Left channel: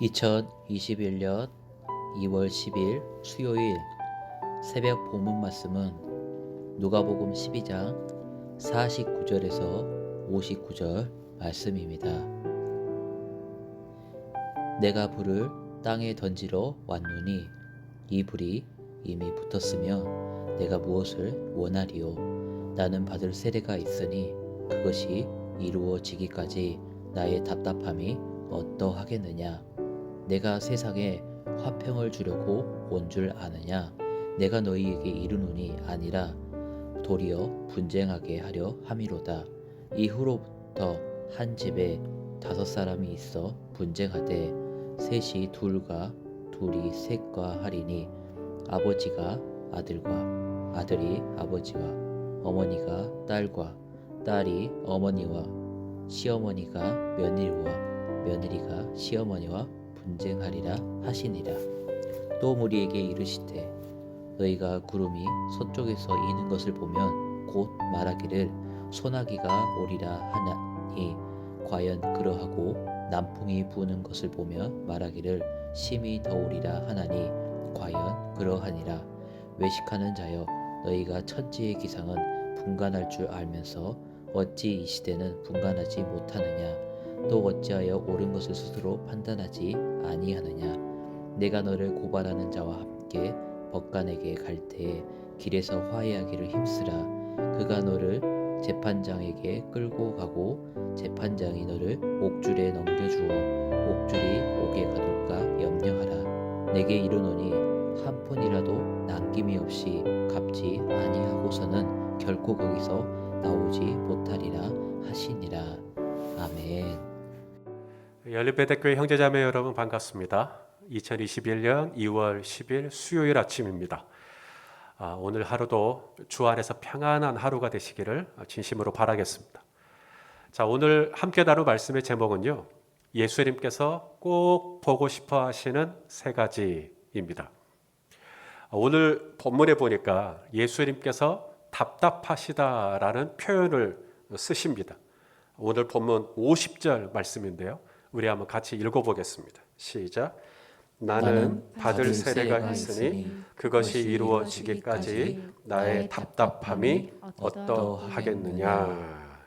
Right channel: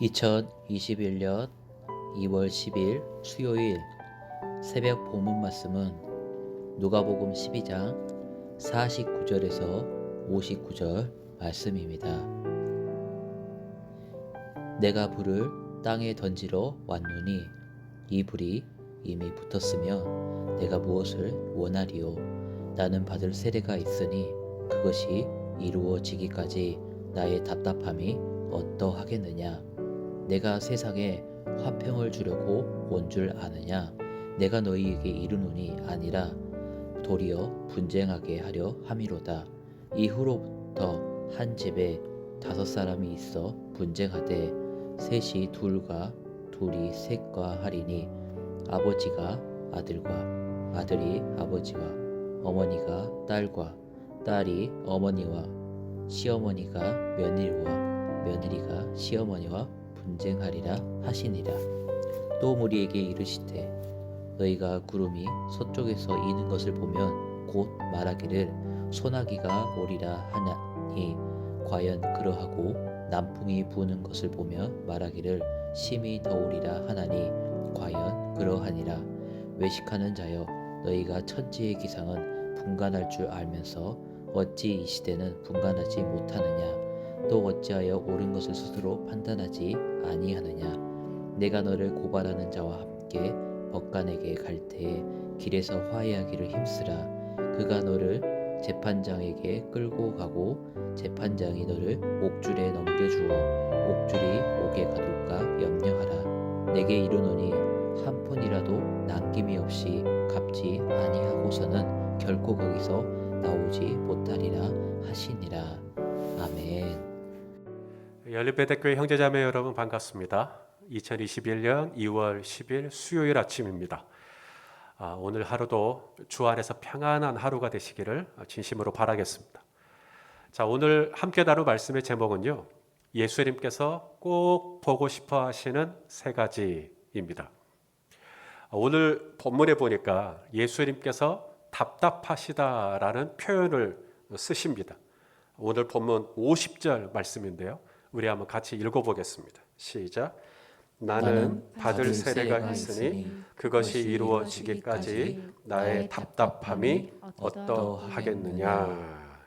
2021년 2월 10일 수요일 새벽 본문 말씀은 누가복음 12장 49절에서 59절 말씀입니다. 내가 불을 땅에 던지러 왔노니 이 불이 이미 붙었으면 내가 무엇을 원하리요? 나는 받을 세례가 있으니 그것이 이루어지기까지 나의 답답함이 어떠하겠느냐? 내가 세상에 화평을 주려고 온 줄 아느냐? 내가 너희에게 이르노니 아니라 도리어 분쟁하게 하려 함이로다. 이후로부터 한 집에 5사람이 있어 분쟁하되 셋이 둘과 둘이 셋과 하리니 아버지가 아들과 아들이 아버지와 어머니가 딸과 딸이 어머니와 시어머니가 며느리와 며느리가 시어머니와 분쟁하리라 하시니라. 또 무리에게 이르시되 너희가 구름이 서쪽에서 이는 것을 보면 곧 말하기를 소나기가 오리라 하나니 과연 그러하고 남풍이 부는 것을 보며 말하기를 심히 더우리라 하나니 과연 그러하니라. 외식하는 자여 너희가 천지의 기상은 분간할 줄 알면서 어찌 이 시대는 분간하지 못하느냐? 또 어찌하여 옳은 것을 스스로 판단하지 아니하느냐? 내가 너를 고발하는 자와 함께 법관에게 갈 때에 길에서 화해하기를 힘쓰라. 그가 너를 재판장에게 끌고 가고 재판장이 너를 옥줄에 넘겨주어 옥줄이 옥에 가둘까 염려하라. 내게 이르노니 한 푼이라도 남김이 없이 갚지 아니하고서는 결코 거기서 나오지 못하리라 하시니라. 아멘. 연립배대교회 형제자매 여러분 반갑습니다. 2021년 2월 10일 수요일 아침입니다. 오늘 하루도 주 안에서 평안한 하루가 되시기를 진심으로 바라겠습니다. 자, 오늘 함께 다룰 말씀의 제목은요, 예수님께서 꼭 보고 싶어 하시는 3가지입니다. 오늘 본문에 보니까 예수님께서 답답하시다라는 표현을 쓰십니다. 오늘 본문 50절 말씀인데요. 우리 한번 같이 읽어보겠습니다. 시작. 나는 받을 세례가 있으니 그것이 이루어지기까지 나의 답답함이 어떠하겠느냐.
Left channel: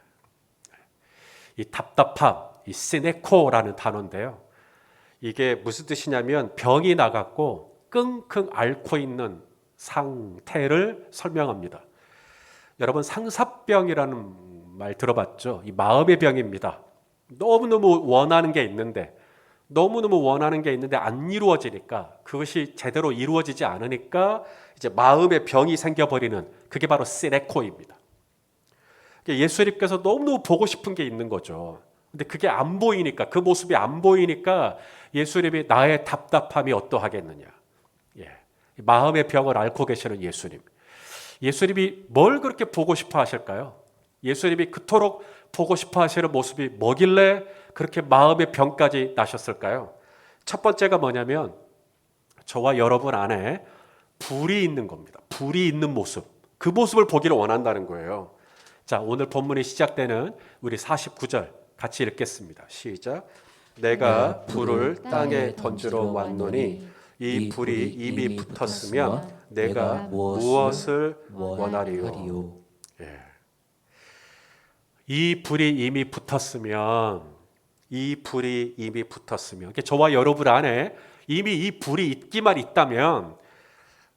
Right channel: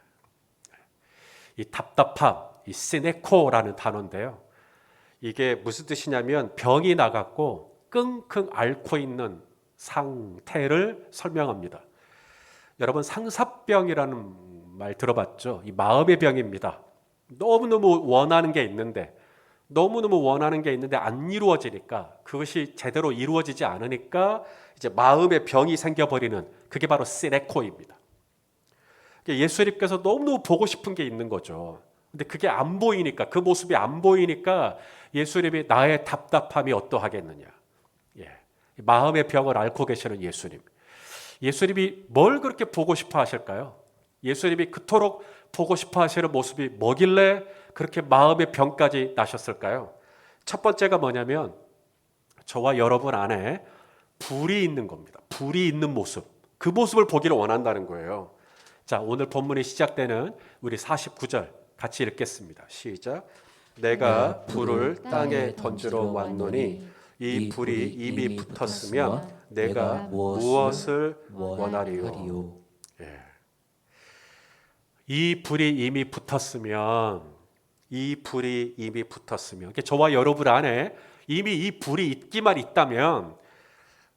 이 답답함, 이 시네코라는 단어인데요. 이게 무슨 뜻이냐면 병이 나갔고 끙끙 앓고 있는 상태를 설명합니다. 여러분 상사병이라는 말 들어봤죠? 이 마음의 병입니다. 너무너무 원하는 게 있는데 안 이루어지니까, 그것이 제대로 이루어지지 않으니까 이제 마음의 병이 생겨버리는, 그게 바로 시네코입니다. 예수님께서 너무너무 보고 싶은 게 있는 거죠. 근데 그게 안 보이니까, 그 모습이 안 보이니까 예수님이 나의 답답함이 어떠하겠느냐. 마음의 병을 앓고 계시는 예수님. 예수님이 뭘 그렇게 보고 싶어 하실까요? 예수님이 그토록 보고 싶어 하시는 모습이 뭐길래 그렇게 마음의 병까지 나셨을까요? 첫 번째가 뭐냐면 저와 여러분 안에 불이 있는 겁니다. 불이 있는 모습. 그 모습을 보기를 원한다는 거예요. 자, 오늘 본문이 시작되는 우리 49절 같이 읽겠습니다. 시작. 내가 불을 땅에 던지러 왔노니 이 불이 이미 붙었으면 내가 무엇을 원하리요? 이 불이 이미 붙었으면, 저와 여러분 안에 이미 이 불이 있기만 있다면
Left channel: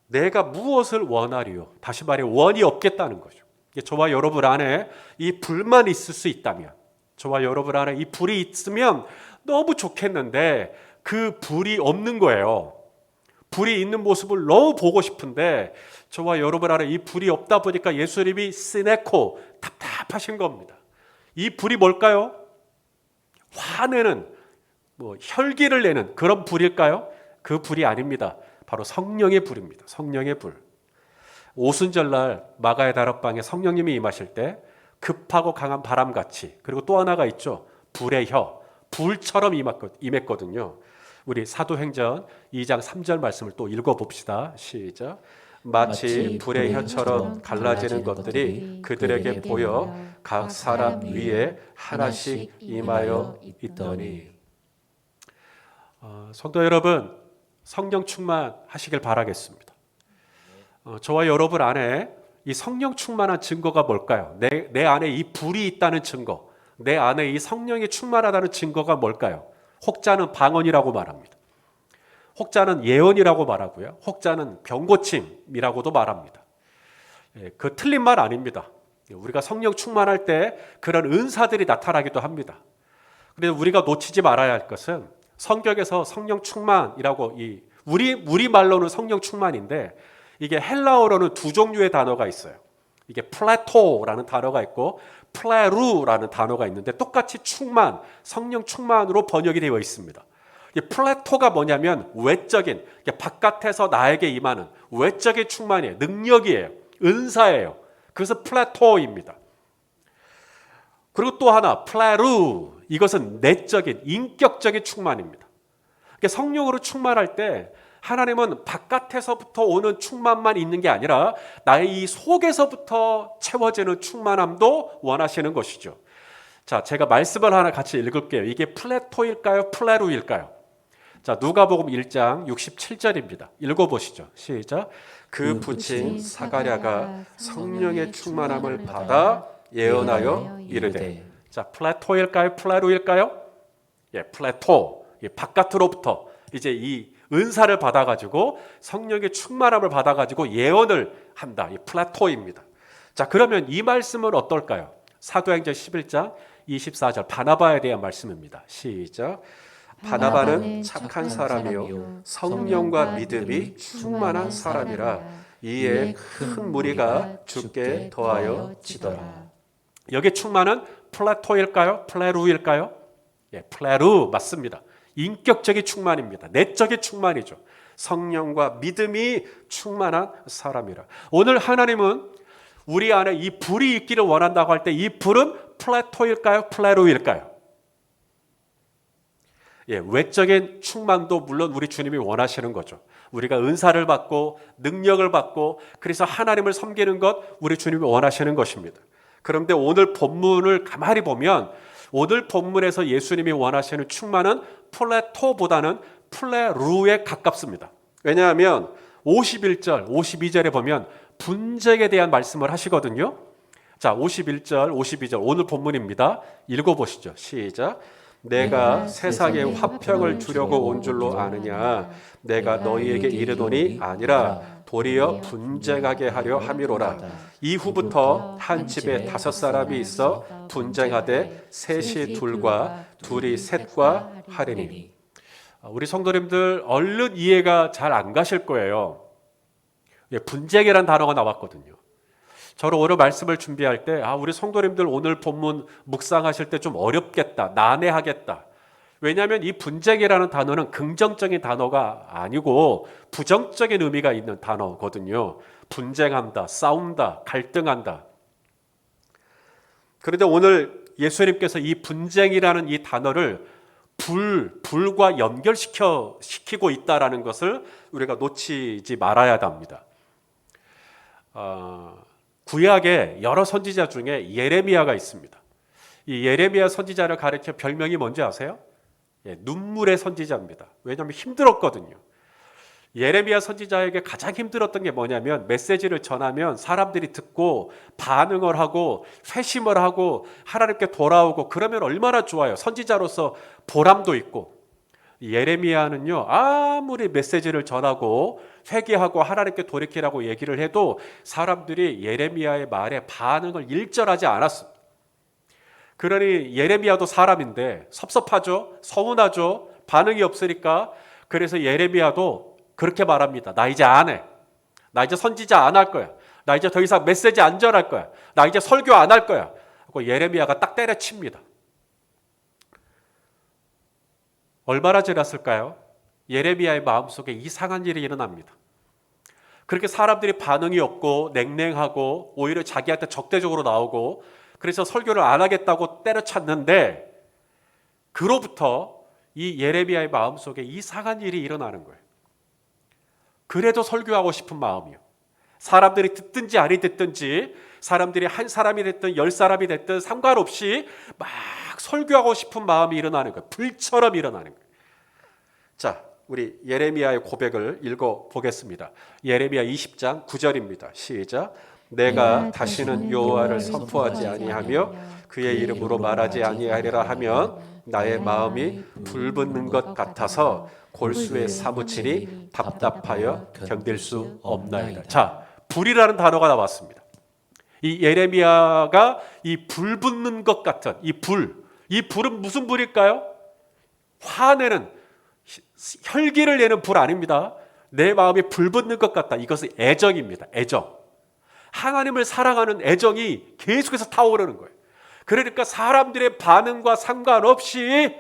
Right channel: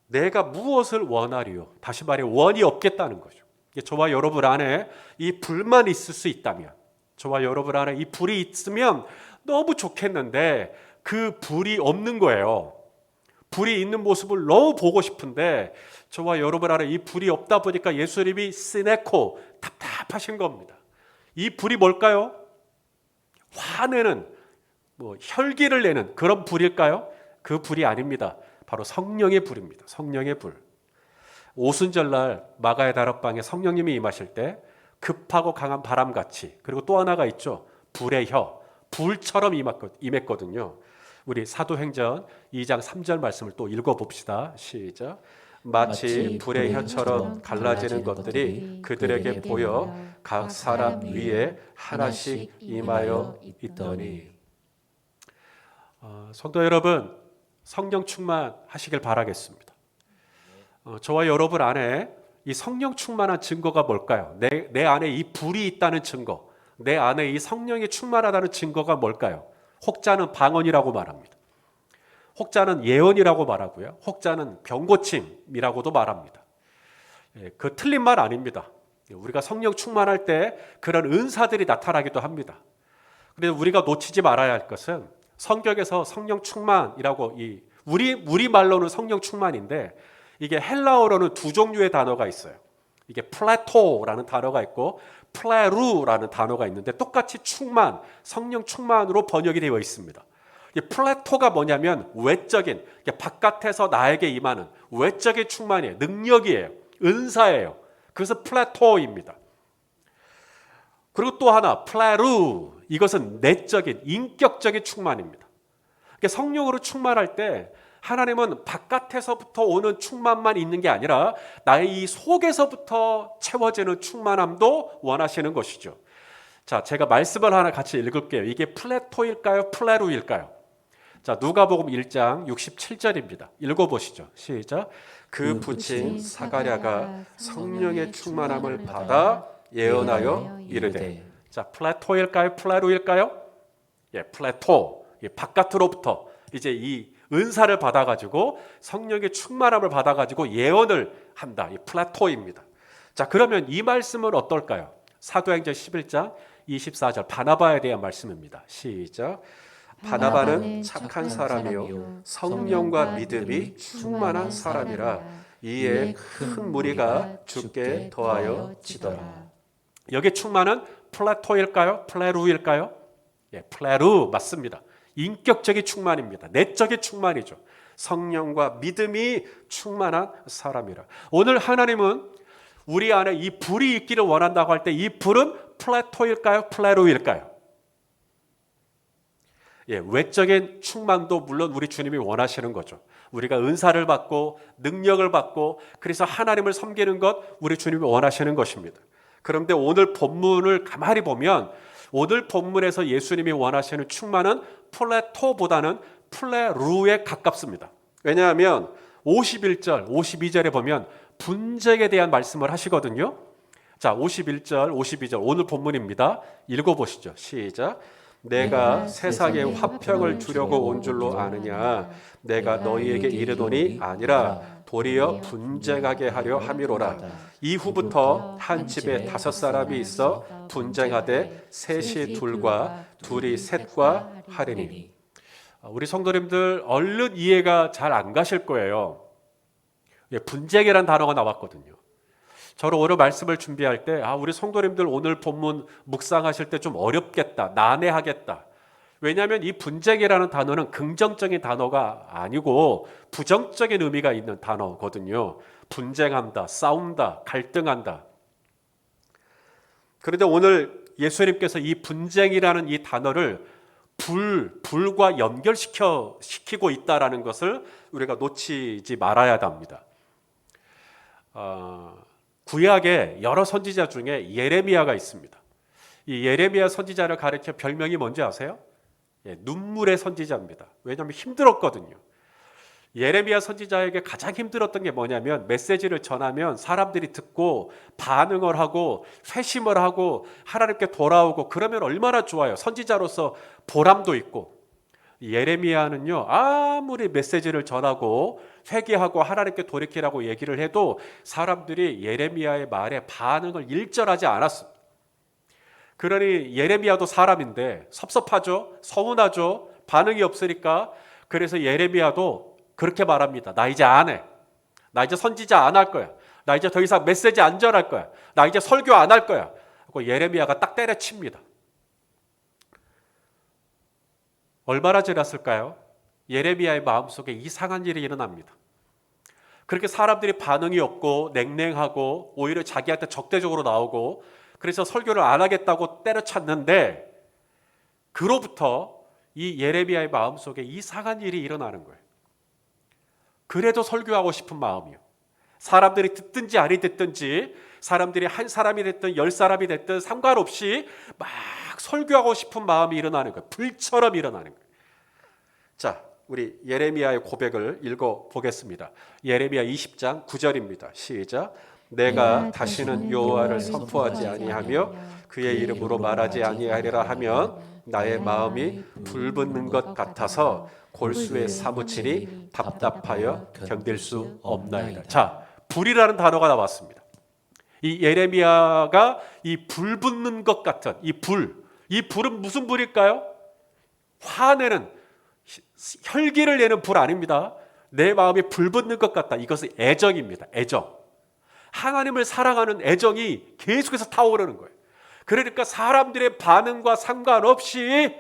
내가 무엇을 원하리요? 다시 말해 원이 없겠다는 거죠. 저와 여러분 안에 이 불만 있을 수 있다면, 저와 여러분 안에 이 불이 있으면 너무 좋겠는데 그 불이 없는 거예요. 불이 있는 모습을 너무 보고 싶은데 저와 여러분 안에 이 불이 없다 보니까 예수님이 시네코, 답답하신 겁니다. 이 불이 뭘까요? 화내는, 혈기를 내는 그런 불일까요? 그 불이 아닙니다. 바로 성령의 불입니다. 성령의 불. 오순절날 마가의 다락방에 성령님이 임하실 때 급하고 강한 바람같이, 그리고 또 하나가 있죠. 불의 혀, 불처럼 임했거든요. 우리 사도행전 2장 3절 말씀을 또 읽어봅시다. 시작. 마치 불의 혀처럼 갈라지는 것들이 그들에게 보여 각 사람 위에 하나씩 임하여 있더니. 성도 여러분, 성령 충만하시길 바라겠습니다. 저와 여러분 안에 이 성령 충만한 증거가 뭘까요? 내 안에 이 불이 있다는 증거, 내 안에 이 성령이 충만하다는 증거가 뭘까요? 혹자는 방언이라고 말합니다. 혹자는 예언이라고 말하고요. 혹자는 병고침이라고도 말합니다. 그 틀린 말 아닙니다. 우리가 성령 충만할 때 그런 은사들이 나타나기도 합니다. 그런데 우리가 놓치지 말아야 할 것은 성경에서 성령 충만이라고 우리 말로는 성령 충만인데 이게 헬라어로는 두 종류의 단어가 있어요. 이게 플레토라는 단어가 있고 플레루라는 단어가 있는데 똑같이 충만, 성령 충만으로 번역이 되어 있습니다. 이 플레토가 뭐냐면 외적인, 바깥에서 나에게 임하는 외적인 충만이에요. 능력이에요. 은사예요. 그래서 플레토입니다. 그리고 또 하나 플레루, 이것은 내적인, 인격적인 충만입니다. 성령으로 충만할 때 하나님은 바깥에서부터 오는 충만만 있는 게 아니라 나의 이 속에서부터 채워지는 충만함도 원하시는 것이죠. 자, 제가 말씀을 하나 같이 읽을게요. 이게 플레토일까요? 플레루일까요? 자, 누가복음 1장 67절입니다. 읽어보시죠. 시작. 그 부친 사가랴가 성령의 충만함을 받아 예언하여 이르되. 자, 플레토일까요? 플레루일까요? 예, 플레토. 바깥으로부터 이제 이 은사를 받아가지고 성령의 충만함을 받아가지고 예언을 한다. 이 플레토입니다. 자, 그러면 이 말씀은 어떨까요? 사도행전 11장 24절 바나바에 대한 말씀입니다. 시작. 바나바는 착한 사람이요 성령과 믿음이 충만한 사람이라 이에 큰 무리가 주께 더하여 지더라. 여기 충만은 플레토일까요? 플레루일까요? 예, 플레루 맞습니다. 인격적인 충만입니다. 내적인 충만이죠. 성령과 믿음이 충만한 사람이라. 오늘 하나님은 우리 안에 이 불이 있기를 원한다고 할 때 이 불은 플레토일까요? 플레루일까요? 예, 외적인 충만도 물론 우리 주님이 원하시는 거죠. 우리가 은사를 받고 능력을 받고 그래서 하나님을 섬기는 것 우리 주님이 원하시는 것입니다. 그런데 오늘 본문을 가만히 보면 오늘 본문에서 예수님이 원하시는 충만은 플레토보다는 플레루에 가깝습니다. 왜냐하면 51절, 52절에 보면 분쟁에 대한 말씀을 하시거든요. 자, 51절, 52절 오늘 본문입니다. 읽어보시죠. 시작. 내가 세상에 화평을 주려고 온 줄로 아느냐 내가 너희에게 이르노니 아니라 도리어 분쟁하게 하려 함이로라. 이후부터 한 집에 5사람이 있어 분쟁하되 셋이 둘과 둘이 셋과 하리니. 우리 성도님들 얼른 이해가 잘 안 가실 거예요. 분쟁이라는 단어가 나왔거든요. 저는 오늘 말씀을 준비할 때 우리 성도님들 오늘 본문 묵상하실 때 좀 어렵겠다, 난해하겠다. 왜냐하면 이 분쟁이라는 단어는 긍정적인 단어가 아니고 부정적인 의미가 있는 단어거든요. 분쟁한다, 싸운다, 갈등한다. 그런데 오늘 예수님께서 이 분쟁이라는 이 단어를 불과 연결시키고 있다는 것을 우리가 놓치지 말아야 합니다. 구약에 여러 선지자 중에 예레미야가 있습니다. 이 예레미야 선지자를 가리켜 별명이 뭔지 아세요? 눈물의 선지자입니다. 왜냐하면 힘들었거든요. 예레미야 선지자에게 가장 힘들었던 게 뭐냐면 메시지를 전하면 사람들이 듣고 반응을 하고 회심을 하고 하나님께 돌아오고 그러면 얼마나 좋아요. 선지자로서 보람도 있고. 예레미야는요 아무리 메시지를 전하고 회개하고 하나님께 돌이키라고 얘기를 해도 사람들이 예레미야의 말에 반응을 일절하지 않았습니다. 그러니 예레미야도 사람인데 섭섭하죠, 서운하죠, 반응이 없으니까. 그래서 예레미야도 그렇게 말합니다. 나 이제 안 해. 나 이제 선지자 안 할 거야. 나 이제 더 이상 메시지 안 전할 거야. 나 이제 설교 안 할 거야. 하고 예레미야가 딱 때려칩니다. 얼마나 지났을까요? 예레미야의 마음속에 이상한 일이 일어납니다. 그렇게 사람들이 반응이 없고 냉랭하고 오히려 자기한테 적대적으로 나오고 그래서 설교를 안 하겠다고 때려쳤는데 그로부터 이 예레미야의 마음속에 이상한 일이 일어나는 거예요. 그래도 설교하고 싶은 마음이요. 사람들이 듣든지 아니 듣든지 사람들이 한 사람이 됐든 10사람이 됐든 상관없이 막 설교하고 싶은 마음이 일어나는 거예요. 불처럼 일어나는 거예요. 자, 우리 예레미야의 고백을 읽어 보겠습니다. 예레미야 20장 9절입니다. 시작. 내가 다시는 여호와를 선포하지 아니하며 그의 이름으로 말하지 아니하리라 하면 나의 마음이 불붙는 것 같아서 골수에 사무치니 답답하여 견딜 수 없나이다. 자, 불이라는 단어가 나왔습니다. 이 예레미야가 이 불붙는 것 같은 이 불은 무슨 불일까요? 화내는, 혈기를 내는 불 아닙니다. 내 마음이 불붙는 것 같다. 이것은 애정입니다. 애정. 하나님을 사랑하는 애정이 계속해서 타오르는 거예요. 그러니까 사람들의 반응과 상관없이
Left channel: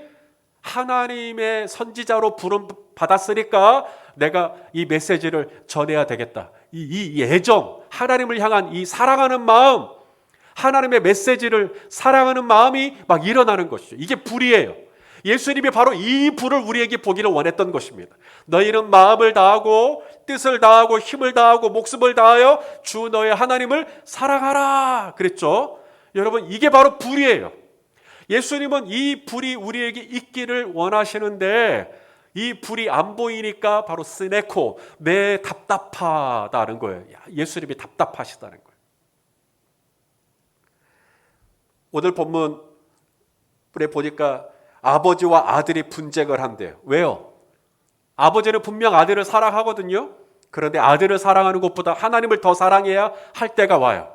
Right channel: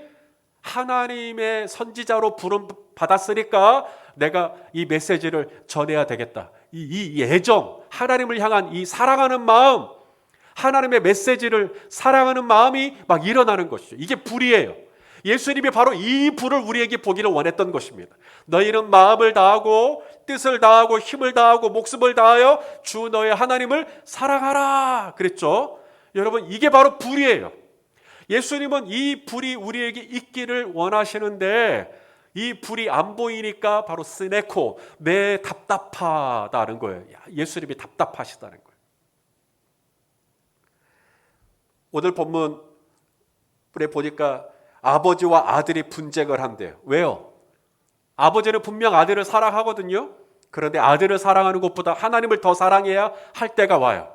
하나님의 선지자로 부름 받았으니까 내가 이 메시지를 전해야 되겠다. 이 애정, 하나님을 향한 이 사랑하는 마음, 하나님의 메시지를 사랑하는 마음이 막 일어나는 것이죠. 이게 불이에요. 예수님이 바로 이 불을 우리에게 보기를 원했던 것입니다. 너희는 마음을 다하고 뜻을 다하고 힘을 다하고 목숨을 다하여 주 너의 하나님을 사랑하라 그랬죠. 여러분, 이게 바로 불이에요. 예수님은 이 불이 우리에게 있기를 원하시는데 이 불이 안 보이니까 바로 스네코, 내 답답하다는 거예요. 예수님이 답답하시다는 거예요. 오늘 본문에 보니까 아버지와 아들이 분쟁을 한대요. 왜요? 아버지는 분명 아들을 사랑하거든요. 그런데 아들을 사랑하는 것보다 하나님을 더 사랑해야 할 때가 와요.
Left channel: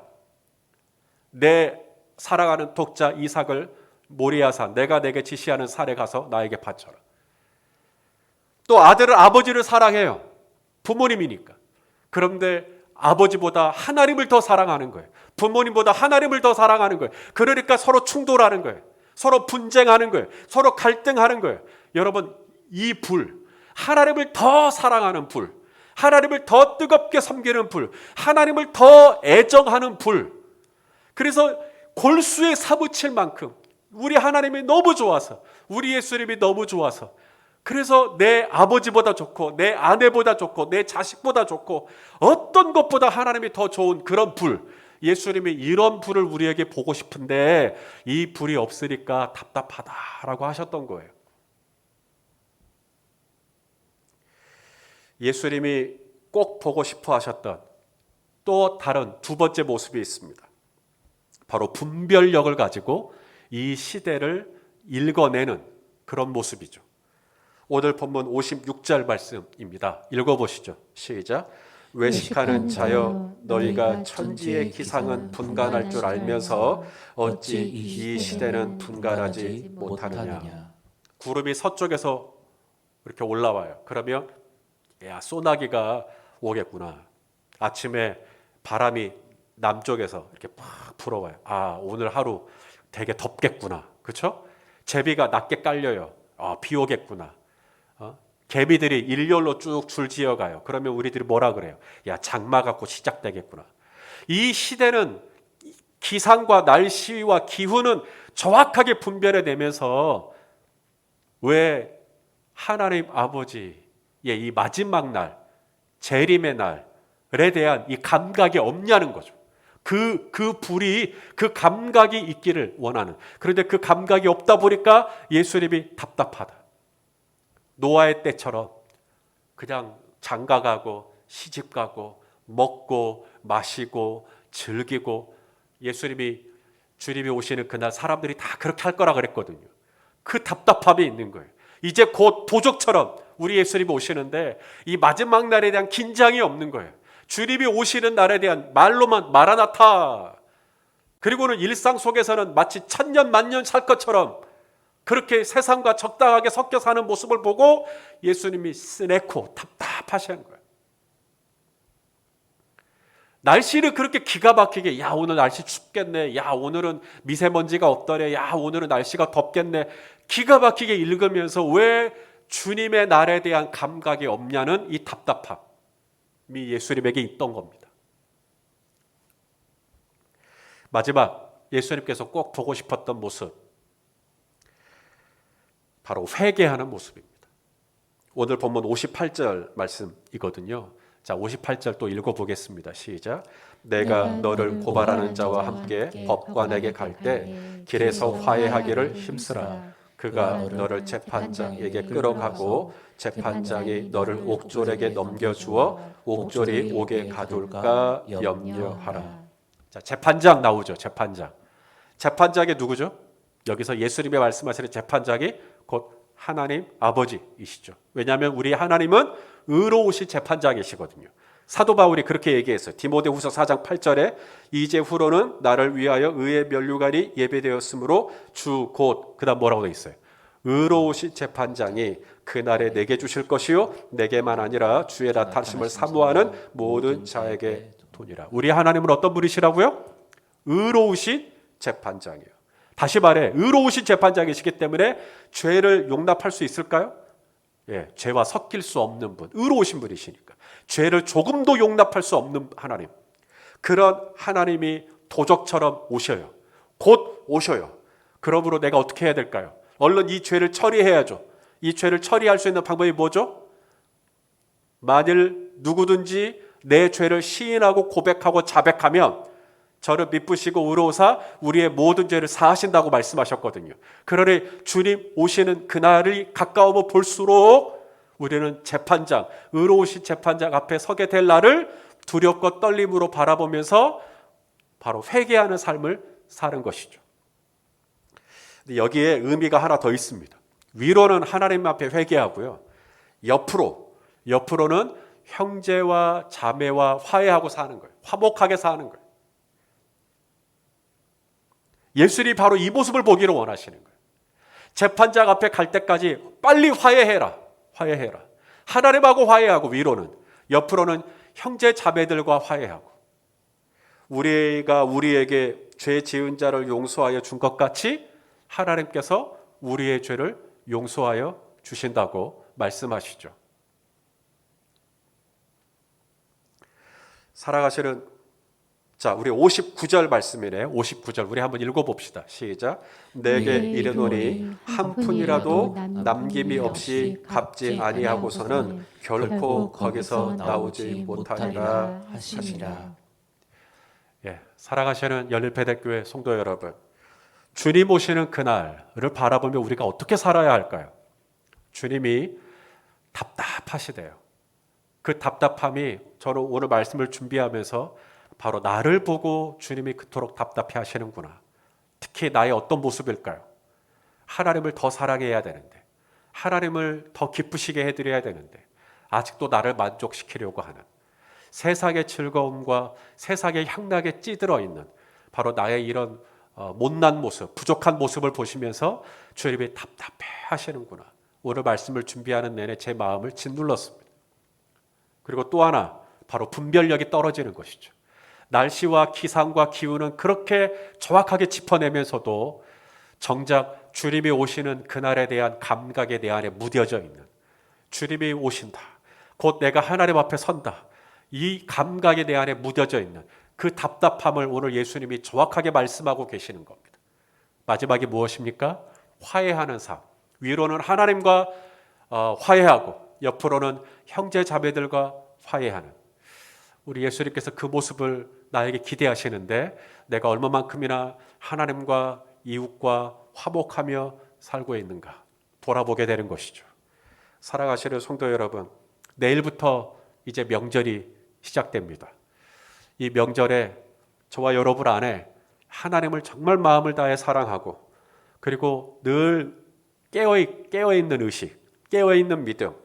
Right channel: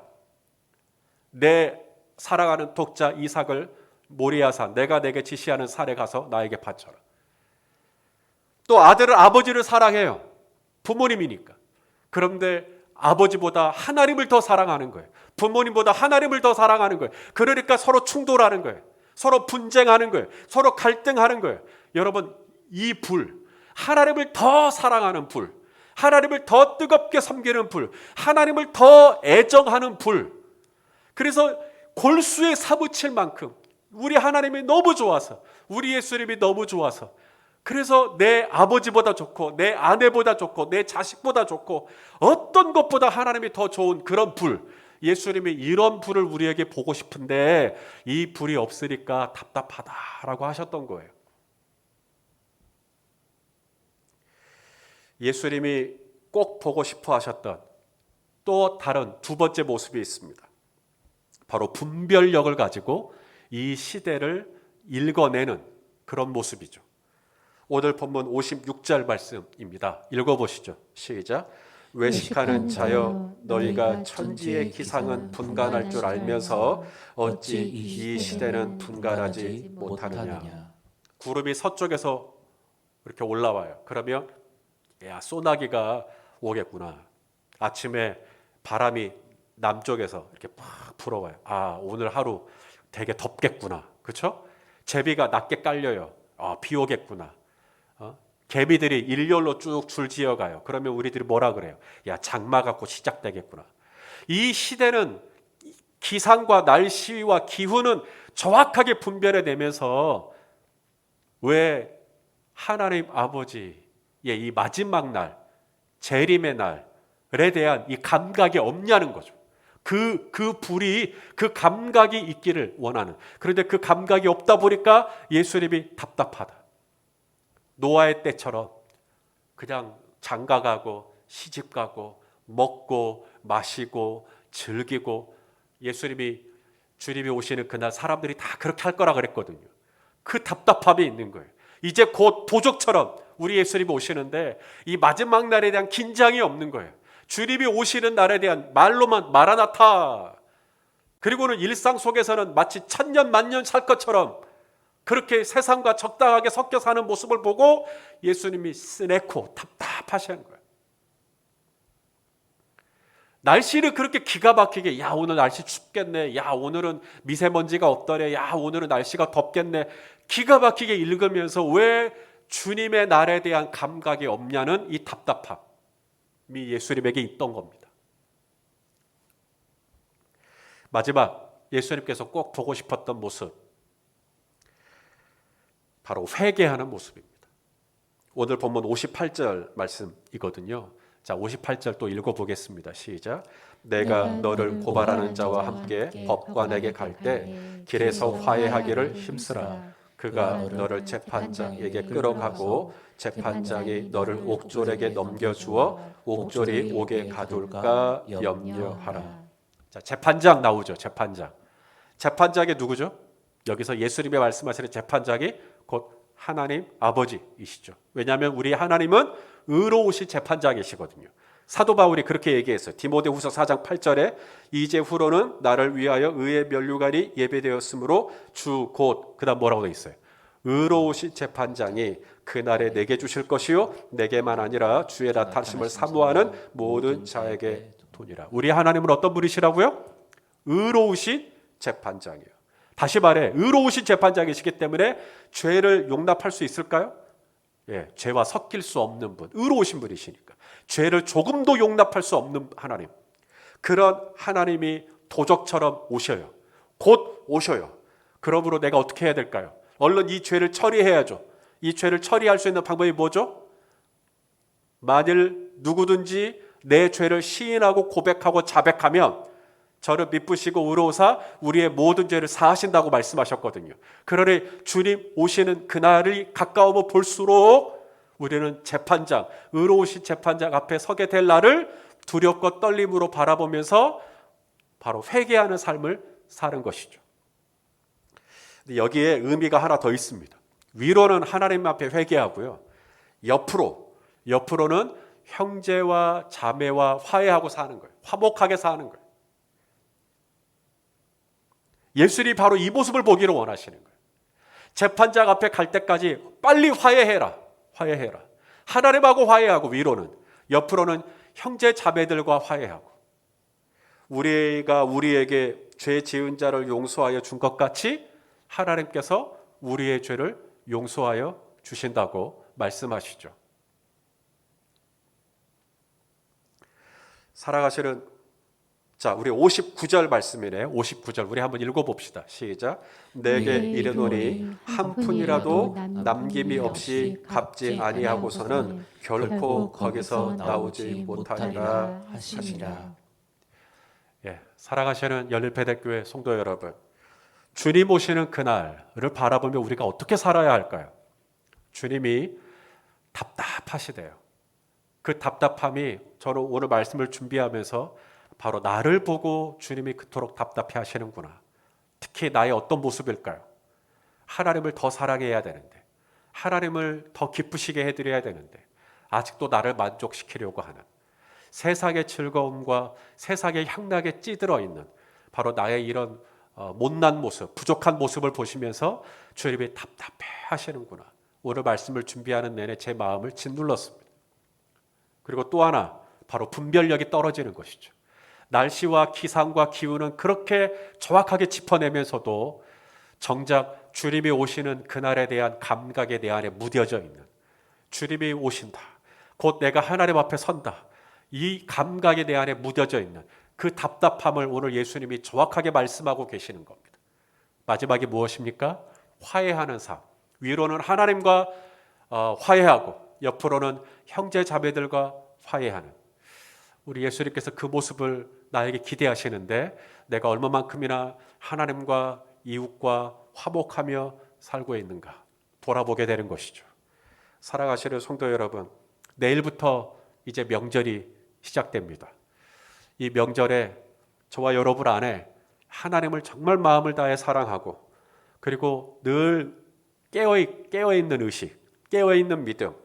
내 사랑하는 독자 이삭을 모리아산, 내가 내게 지시하는 산에 가서 나에게 바쳐라. 또 아들은 아버지를 사랑해요. 부모님이니까. 그런데 아버지보다 하나님을 더 사랑하는 거예요. 부모님보다 하나님을 더 사랑하는 거예요. 그러니까 서로 충돌하는 거예요. 서로 분쟁하는 거예요. 서로 갈등하는 거예요. 여러분, 이 불, 하나님을 더 사랑하는 불, 하나님을 더 뜨겁게 섬기는 불, 하나님을 더 애정하는 불. 그래서 골수에 사무칠 만큼 우리 하나님이 너무 좋아서, 우리 예수님이 너무 좋아서, 그래서 내 아버지보다 좋고 내 아내보다 좋고 내 자식보다 좋고 어떤 것보다 하나님이 더 좋은 그런 불, 예수님이 이런 불을 우리에게 보고 싶은데 이 불이 없으니까 답답하다라고 하셨던 거예요. 예수님이 꼭 보고 싶어 하셨던 또 다른 두 번째 모습이 있습니다. 바로 분별력을 가지고 이 시대를 읽어내는 그런 모습이죠. 오늘 본문 56절 말씀입니다. 읽어보시죠. 시작. 외식하는 자여, 너희가 천지의 기상은 분간할 줄 알면서 어찌 이 시대는 분간하지 못하느냐. 구름이 서쪽에서 이렇게 올라와요. 그러면 야, 소나기가 오겠구나. 아침에 바람이 남쪽에서 이렇게 팍 불어와요. 아, 오늘 하루 되게 덥겠구나. 그렇죠? 제비가 낮게 깔려요. 아, 비 오겠구나. 개미들이 일렬로 쭉 줄지어가요. 그러면 우리들이 뭐라 그래요? 야, 장마가 곧 시작되겠구나. 이 시대는 기상과 날씨와 기후는 정확하게 분별해내면서 왜 하나님 아버지의 이 마지막 날, 재림의 날에 대한 이 감각이 없냐는 거죠. 그 불이, 그 감각이 있기를 원하는. 그런데 그 감각이 없다 보니까 예수님이 답답하다. 노아의 때처럼 그냥 장가가고 시집가고 먹고 마시고 즐기고, 주님이 오시는 그날 사람들이 다 그렇게 할 거라 그랬거든요. 그 답답함이 있는 거예요. 이제 곧 도적처럼 우리 예수님이 오시는데 이 마지막 날에 대한 긴장이 없는 거예요. 주님이 오시는 날에 대한 말로만 마라나타, 그리고는 일상 속에서는 마치 천년 만년 살 것처럼 그렇게 세상과 적당하게 섞여 사는 모습을 보고 예수님이 스네코, 답답하시는 거예요. 날씨를 그렇게 기가 막히게, 야, 오늘 날씨 춥겠네, 야, 오늘은 미세먼지가 없더래, 야, 오늘은 날씨가 덥겠네, 기가 막히게 읽으면서 왜 주님의 날에 대한 감각이 없냐는 이 답답함이 예수님에게 있던 겁니다. 마지막 예수님께서 꼭 보고 싶었던 모습, 바로 회개하는 모습입니다. 오늘 본문 58절 말씀이거든요. 자, 58절 또 읽어보겠습니다. 시작. 내가 너를 고발하는 자와 함께 법관에게 갈 때 길에서 화해하기를 힘쓰라. 그가 너를 재판장에게 끌어가고 재판장이 너를 옥졸에게 넘겨주어 옥졸이 옥에 가둘까 염려하라. 자, 재판장 나오죠. 재판장. 재판장이 누구죠? 여기서 예수님이 말씀하시는 재판장이 곧 하나님 아버지이시죠. 왜냐하면 우리 하나님은 의로우신 재판장이시거든요. 사도 바울이 그렇게 얘기했어요. 디모데후서 4장 8절에 이제후로는 나를 위하여 의의 면류관이 예배되었으므로 주 곧 그다음 뭐라고 되어 있어요? 의로우신 재판장이 그날에 내게 주실 것이요 내게만 아니라 주의 나타나심을 사모하는 모든 자에게 도니라. 우리 하나님은 어떤 분이시라고요? 의로우신 재판장이에요. 다시 말해 의로우신 재판장이시기 때문에 죄를 용납할 수 있을까요? 예, 죄와 섞일 수 없는 분, 의로우신 분이시니까 죄를 조금도 용납할 수 없는 하나님, 그런 하나님이 도적처럼 오셔요. 곧 오셔요. 그러므로 내가 어떻게 해야 될까요? 얼른 이 죄를 처리해야죠. 이 죄를 처리할 수 있는 방법이 뭐죠? 만일 누구든지 내 죄를 시인하고 고백하고 자백하면 저를 미쁘시고 의로우사 우리의 모든 죄를 사하신다고 말씀하셨거든요. 그러니 주님 오시는 그날이 가까우면 볼수록 우리는 재판장, 의로우신 재판장 앞에 서게 될 날을 두렵고 떨림으로 바라보면서 바로 회개하는 삶을 사는 것이죠. 근데 여기에 의미가 하나 더 있습니다. 위로는 하나님 앞에 회개하고요. 옆으로는 형제와 자매와 화해하고 사는 거예요. 화목하게 사는 거예요. 예수님이 바로 이 모습을 보기를 원하시는 거예요. 재판장 앞에 갈 때까지 빨리 화해해라. 하나님하고 화해하고 위로는. 옆으로는 형제 자매들과 화해하고. 우리가 우리에게 죄 지은 자를 용서하여 준 것 같이 하나님께서 우리의 죄를 용서하여 주신다고 말씀하시죠. 살아가시는 자, 우리 59절 말씀이네. 59절 우리 한번 읽어봅시다. 시작. 내게 이르노니 한 푼이라도 남김이 없이 갚지 아니하고서는 결코 거기서 나오지 못하리라 하시니라. 예, 살아가시는 열릴배대교회 성도 여러분, 주님 오시는 그날을 바라보며 우리가 어떻게 살아야 할까요? 주님이 답답하시대요. 그 답답함이 저는 오늘 말씀을 준비하면서 바로 나를 보고 주님이 그토록 답답해 하시는구나. 특히 나의 어떤 모습일까요? 하나님을 더 사랑해야 되는데, 하나님을 더 기쁘시게 해드려야 되는데 아직도 나를 만족시키려고 하는, 세상의 즐거움과 세상의 향락에 찌들어 있는 바로 나의 이런 못난 모습, 부족한 모습을 보시면서 주님이 답답해 하시는구나. 오늘 말씀을 준비하는 내내 제 마음을 짓눌렀습니다. 그리고 또 하나, 바로 분별력이 떨어지는 것이죠. 날씨와 기상과 기후는 그렇게 정확하게 짚어내면서도 정작 주님이 오시는 그날에 대한 감각에 내 안에 무뎌져 있는, 주님이 오신다, 곧 내가 하나님 앞에 선다, 이 감각에 내 안에 무뎌져 있는 그 답답함을 오늘 예수님이 정확하게 말씀하고 계시는 겁니다. 마지막이 무엇입니까? 화해하는 삶. 위로는 하나님과 화해하고 옆으로는 형제 자매들과 화해하는, 우리 예수님께서 그 모습을 나에게 기대하시는데 내가 얼마만큼이나 하나님과 이웃과 화목하며 살고 있는가 돌아보게 되는 것이죠. 살아가시는 성도 여러분, 내일부터 이제 명절이 시작됩니다. 이 명절에 저와 여러분 안에 하나님을 정말 마음을 다해 사랑하고, 그리고 늘 깨어있는 의식, 깨어있는 믿음,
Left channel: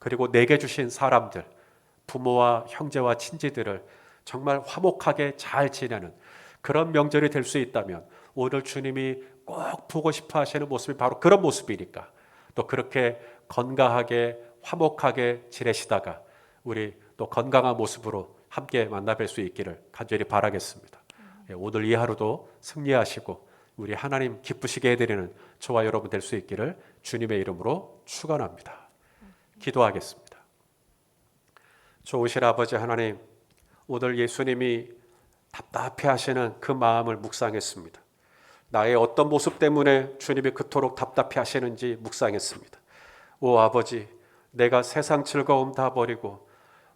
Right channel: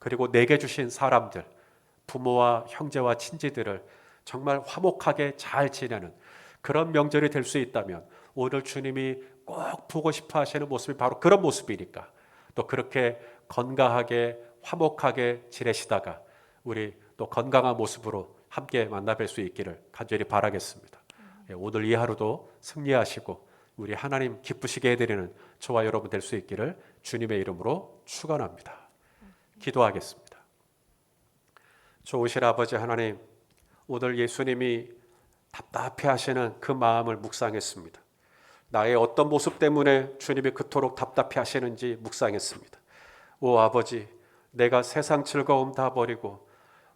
그리고 내게 주신 사람들, 부모와 형제와 친지들을 정말 화목하게 잘 지내는 그런 명절이 될 수 있다면, 오늘 주님이 꼭 보고 싶어 하시는 모습이 바로 그런 모습이니까 또 그렇게 건강하게 화목하게 지내시다가 우리 또 건강한 모습으로 함께 만나 뵐 수 있기를 간절히 바라겠습니다. 오늘 이 하루도 승리하시고 우리 하나님 기쁘시게 해드리는 저와 여러분 될 수 있기를 주님의 이름으로 축원합니다. 기도하겠습니다. 좋으신 아버지 하나님, 오늘 예수님이 답답해 하시는 그 마음을 묵상했습니다. 나의 어떤 모습 때문에 주님이 그토록 답답해 하시는지 묵상했습니다. 오 아버지, 내가 세상 즐거움 다 버리고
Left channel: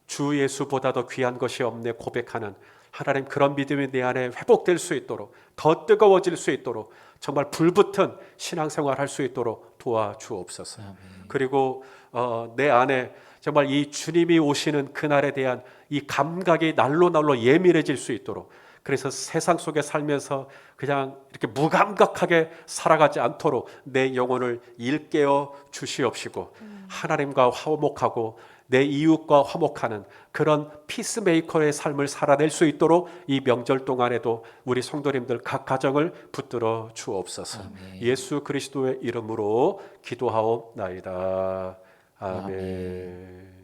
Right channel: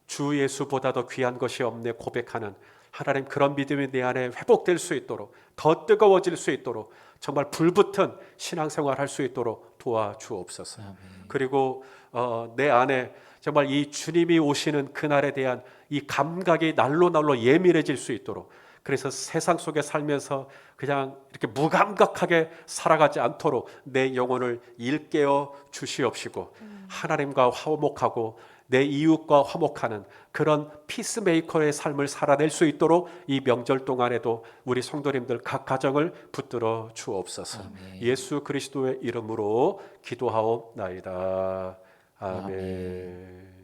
주 예수보다 더 귀한 것이 없네 고백하는 하나님 그런 믿음이 내 안에 회복될 수 있도록 더 뜨거워질 수 있도록 정말 불붙은 신앙생활 할 수 있도록 도와주옵소서. 아멘. 그리고 내 안에 정말 이 주님이 오시는 그날에 대한 이 감각이 날로 날로 예민해질 수 있도록, 그래서 세상 속에 살면서 그냥 이렇게 무감각하게 살아가지 않도록 내 영혼을 일깨워 주시옵시고 하나님과 화목하고 내 이웃과 화목하는 그런 피스메이커의 삶을 살아낼 수 있도록 이 명절 동안에도 우리 성도님들 각 가정을 붙들어 주옵소서. 아멘. 예수 그리스도의 이름으로 기도하옵나이다. 아멘. 아멘.